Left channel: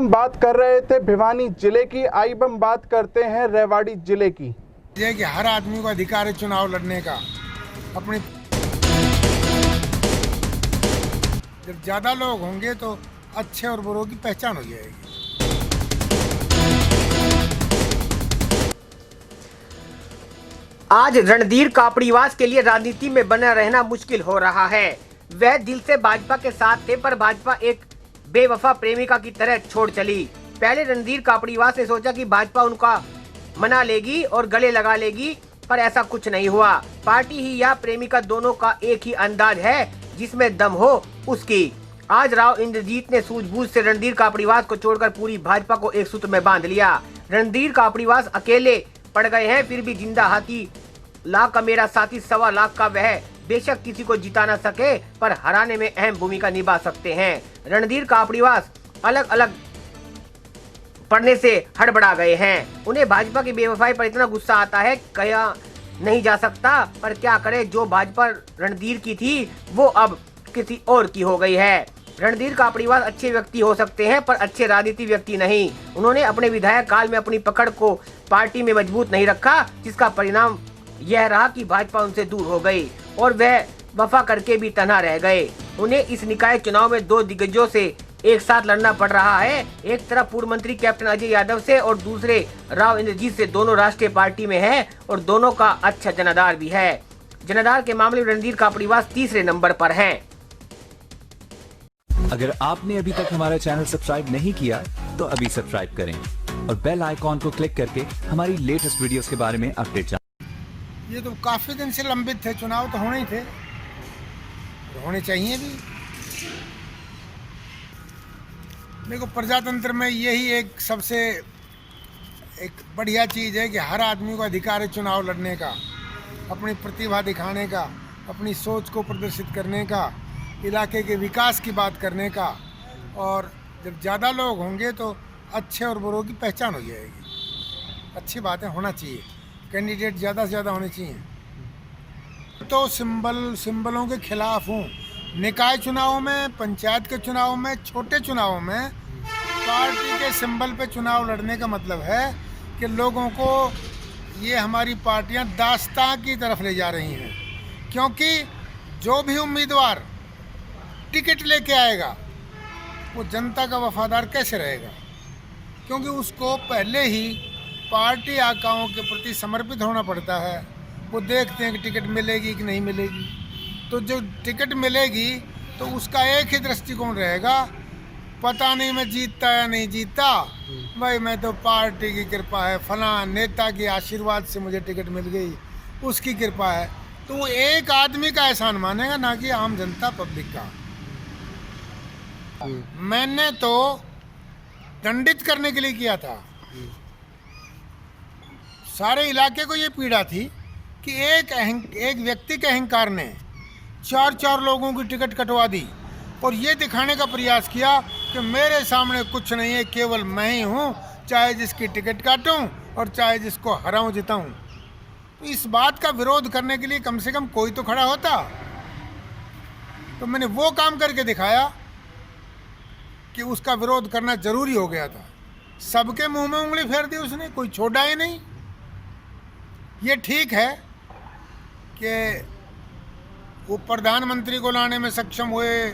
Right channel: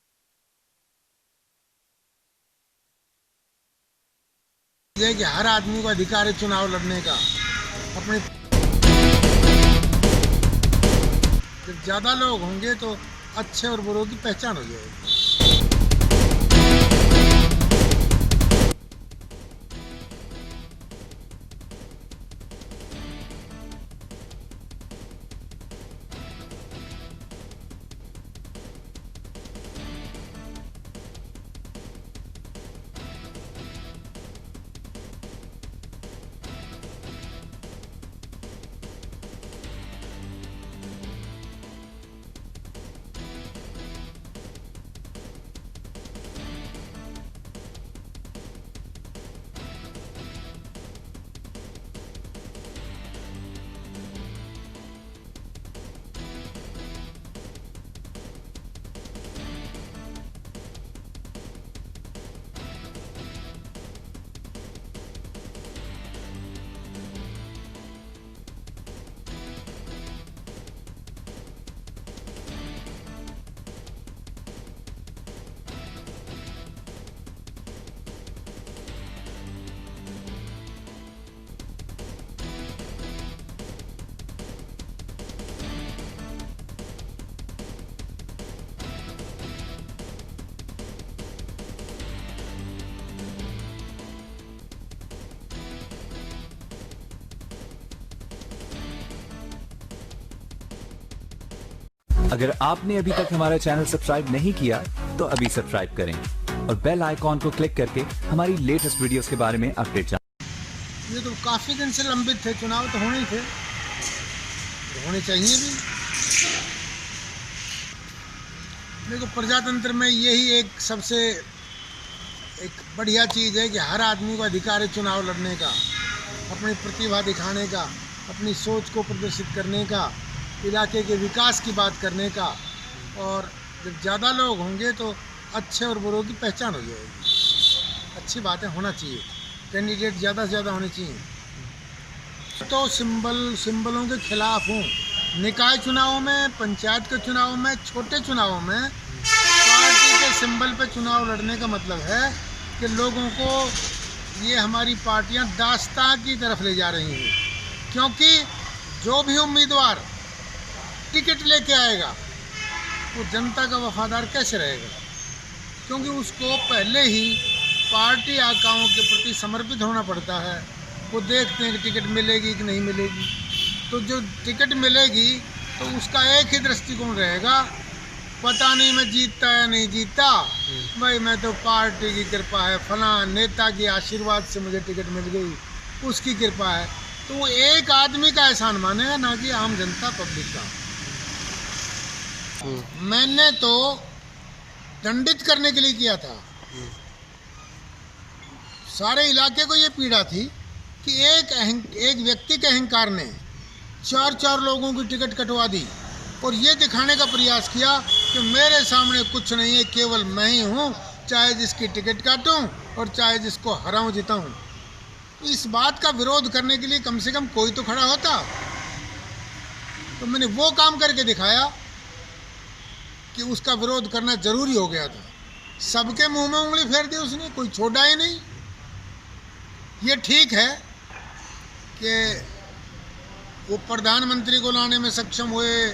हम बात कर रहे थे भिवानी जिले की, आइए हम बात करते हैं रेवाड़ी जिले की। ये कि हर आदमी को अधिकार है चुनाव लड़ने का। अपनी जब ज़्यादा लोग होंगे तो अच्छे और बुरों की पहचान हो जाएगी। आज रणधीर कापड़ीवास के लिए राजनीति में बना रहना मुश्किल हो रहा है। वह दिल से भाजपा के साथ थे, पर भाजपा एक बेवफा प्रेमिका की तरह छोड़ चली। पहले रणधीर कापड़ीवास ने सोचा कि भाजपा उनका मना लेगी और गले लगा लेगी, पर ऐसा कुछ नहीं हुआ। पार्टी ही या प्रेमिका दोनों का एक ही अंदाज है, जिसमें दम हो उसकी। आज राव इंद्रजीत ने सूझबूझ से रणधीर कापड़ीवास को छोड़कर पूरी भाजपा को एक सूत्र में बांध लिया। रणधीर कापड़ीवास अकेले पड़ गए हैं, फिर भी जिंदा हाथी लाख का मेरा साथी 1.25 लाख का वह बेशक किसी को जिता न सके, पर हराने में अहम भूमिका निभा सकते हैं। रणधीर कापड़ीवास अलग अलग पढ़ने से हड़बड़ा गए हैं। उन्हें भाजपा की बेवफाई पर इतना गुस्सा आता है, कहा नहीं जा सकता, पर क्या करे, जो भाजपा रणधीर की थी वो अब किसी और की हो गई है। रणधीर कापड़ीवास अच्छे व्यक्ति हो सकते हैं, पर अच्छे राजनीति व्यक्ति नहीं। उन्होंने अपने विधायक काल में अपनी पकड़ को पार्टी में मजबूत नहीं रखा, जिसका परिणाम यह रहा कि भाजपा उनसे दूर हो गई और वह वफा करके भी तन्हा रह गए। उन्हें इस निकाय चुनाव में दो दिग्गजों से एक साथ लड़ना पड़ रहा है। एक तरफ पूर्व मंत्री कैप्टन अजय यादव से और दूसरे राव इंद्रजीत से। दोनों राष्ट्रीय पार्टी में हैं और दोनों का अच्छा जनाधार भी है। जनाधार के मामले में रणधीर कापड़ीवास तीसरे नंबर पर हैं। अगर आपने अभी तक हमारा चैनल सब्सक्राइब नहीं किया तो अभी सब्सक्राइब करें और बेल आइकॉन को क्लिक करके हमारी लेटेस्ट वीडियोस के बारे में अपडेट जानें। ये तो काफ़ी दिन से लंबित थे, चुनाव तो होने थे, होने चाहिए भी। देखो, प्रजातंत्र में यही एक सबसे एक बढ़िया चीज़ है कि हर आदमी को अधिकार है चुनाव लड़ने का, अपनी प्रतिभा दिखाने का, अपनी सोच को प्रदर्शित करने का, इलाके के विकास की बात करने का। और जब ज़्यादा लोग होंगे तो अच्छे और बुरों की पहचान हो जाएगी। अच्छी बातें होना चाहिए, कैंडिडेट ज़्यादा से ज़्यादा होने चाहिए। तो सिंबलों के खिलाफ हूँ। निकाय चुनावों में, पंचायत के चुनाव में, छोटे चुनावों में पार्टी के सिंबल पे चुनाव लड़ने का मतलब है कि लोगों को ये हमारी पार्टियां दास्तां की तरफ ले जा रही हैं। क्योंकि जो भी उम्मीदवार टिकट लेके आएगा वो जनता का वफादार कैसे रहेगा, क्योंकि उसको पहले ही पार्टी आकाओं के प्रति समर्पित होना पड़ता है। वो देखते हैं कि टिकट मिलेगी कि नहीं मिलेगी। तो जो टिकट मिलेगी तो उसका एक ही दृष्टिकोण रहेगा, पता नहीं मैं जीतता या नहीं जीतता, भाई मैं तो पार्टी की कृपा है, फलां नेता के आशीर्वाद से मुझे टिकट मिल गई, उसकी कृपा है। तो वो एक आदमी का एहसान मानेगा, ना कि आम जनता पब्लिक का। मैंने तो दंडित करने के लिए किया था। सारे इलाके को ये पीड़ा थी कि एक व्यक्ति के अहंकार ने 4 लोगों की टिकट कटवा दी और ये दिखाने का प्रयास किया कि मेरे सामने कुछ नहीं है, केवल मैं ही हूँ, चाहे जिसकी टिकट काटूं और चाहे जिसको हराऊं जिताऊं। इस बात का विरोध करने के लिए कम से कम कोई तो खड़ा होता। तो मैंने वो काम करके दिखाया कि उसका विरोध करना जरूरी हो गया था। सबके मुंह में उंगली फेर दी उसने, कोई छोड़ा ही नहीं। ये ठीक है कि वो प्रधानमंत्री को लाने में सक्षम हुए,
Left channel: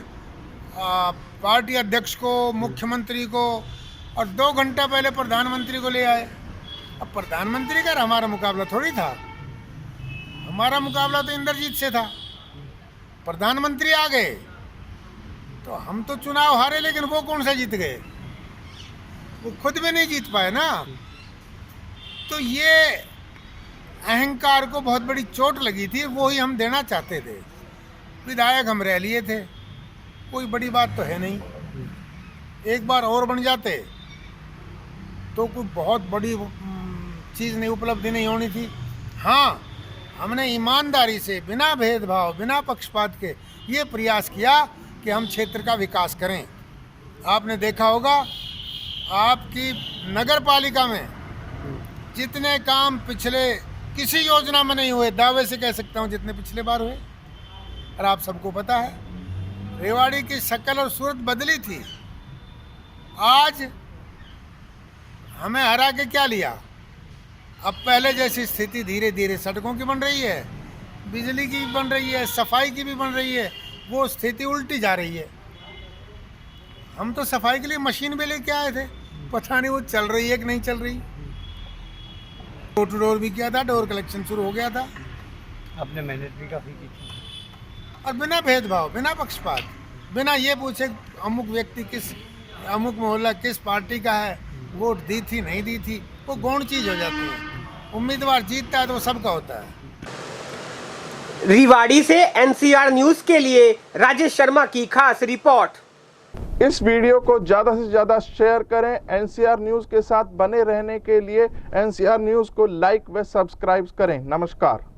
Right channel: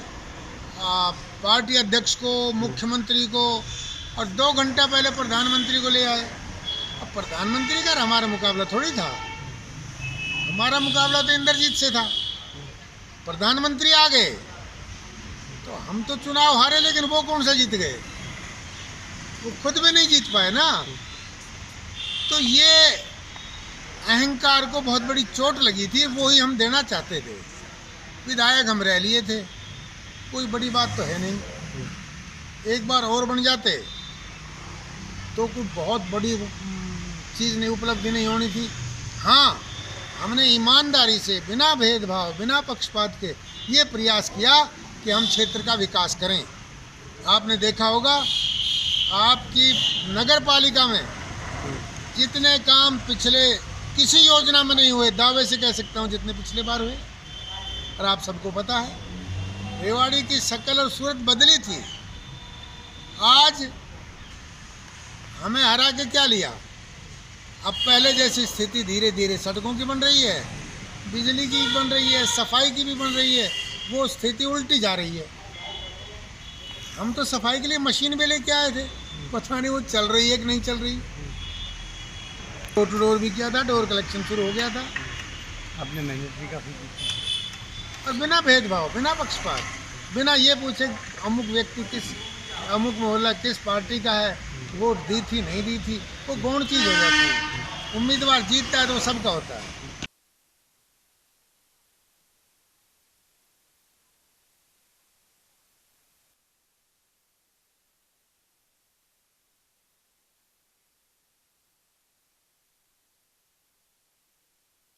पार्टी अध्यक्ष को, मुख्यमंत्री को, और 2 घंटा पहले प्रधानमंत्री को ले आए। अब प्रधानमंत्री का हमारा मुकाबला थोड़ी था, हमारा मुकाबला तो इंद्रजीत से था। प्रधानमंत्री आ गए तो हम तो चुनाव हारे, लेकिन वो कौन सा जीत गए? वो खुद भी नहीं जीत पाए ना। तो ये अहंकार को बहुत बड़ी चोट लगी थी, वो ही हम देना चाहते थे। विधायक हम रह लिए थे, कोई बड़ी बात तो है नहीं। एक बार और बन जाते तो कोई बहुत बड़ी चीज़ नहीं, उपलब्धि नहीं होनी थी। हाँ, हमने ईमानदारी से, बिना भेदभाव, बिना पक्षपात के ये प्रयास किया कि हम क्षेत्र का विकास करें। आपने देखा होगा, आपकी नगर पालिका में जितने काम पिछले किसी योजना में नहीं हुए, दावे से कह सकता हूँ जितने पिछले बार हुए। और आप सबको पता है रेवाड़ी की शक्ल और सूरत बदली थी। आज हमें हरा के क्या लिया? अब पहले जैसी स्थिति धीरे धीरे सड़कों की बन रही है, बिजली की बन रही है, सफाई की भी बन रही है, वो स्थिति उल्टी जा रही है। हम तो सफाई के लिए मशीन भी लेके आए थे, पता नहीं वो चल रही है कि नहीं चल रही। डोर टू डोर भी किया था, डोर कलेक्शन शुरू हो गया था। अपने मेहनत भी काफ़ी की थी। और बिना भेदभाव, बिना पक्षपात, बिना ये पूछे अमुक व्यक्ति किस, अमुक मोहल्ला किस पार्टी का है, वोट दी थी नहीं दी थी, वो गौण चीज हो जाती है। उम्मीदवार जीतता है तो वो सबका होता है। रेवाड़ी से एनसीआर न्यूज के लिए राजेश शर्मा की खास रिपोर्ट। इस वीडियो को ज़्यादा से ज़्यादा शेयर करें। एनसीआर न्यूज़ के साथ बने रहने के लिए एनसीआर न्यूज़ को लाइक व सब्सक्राइब करें। नमस्कार।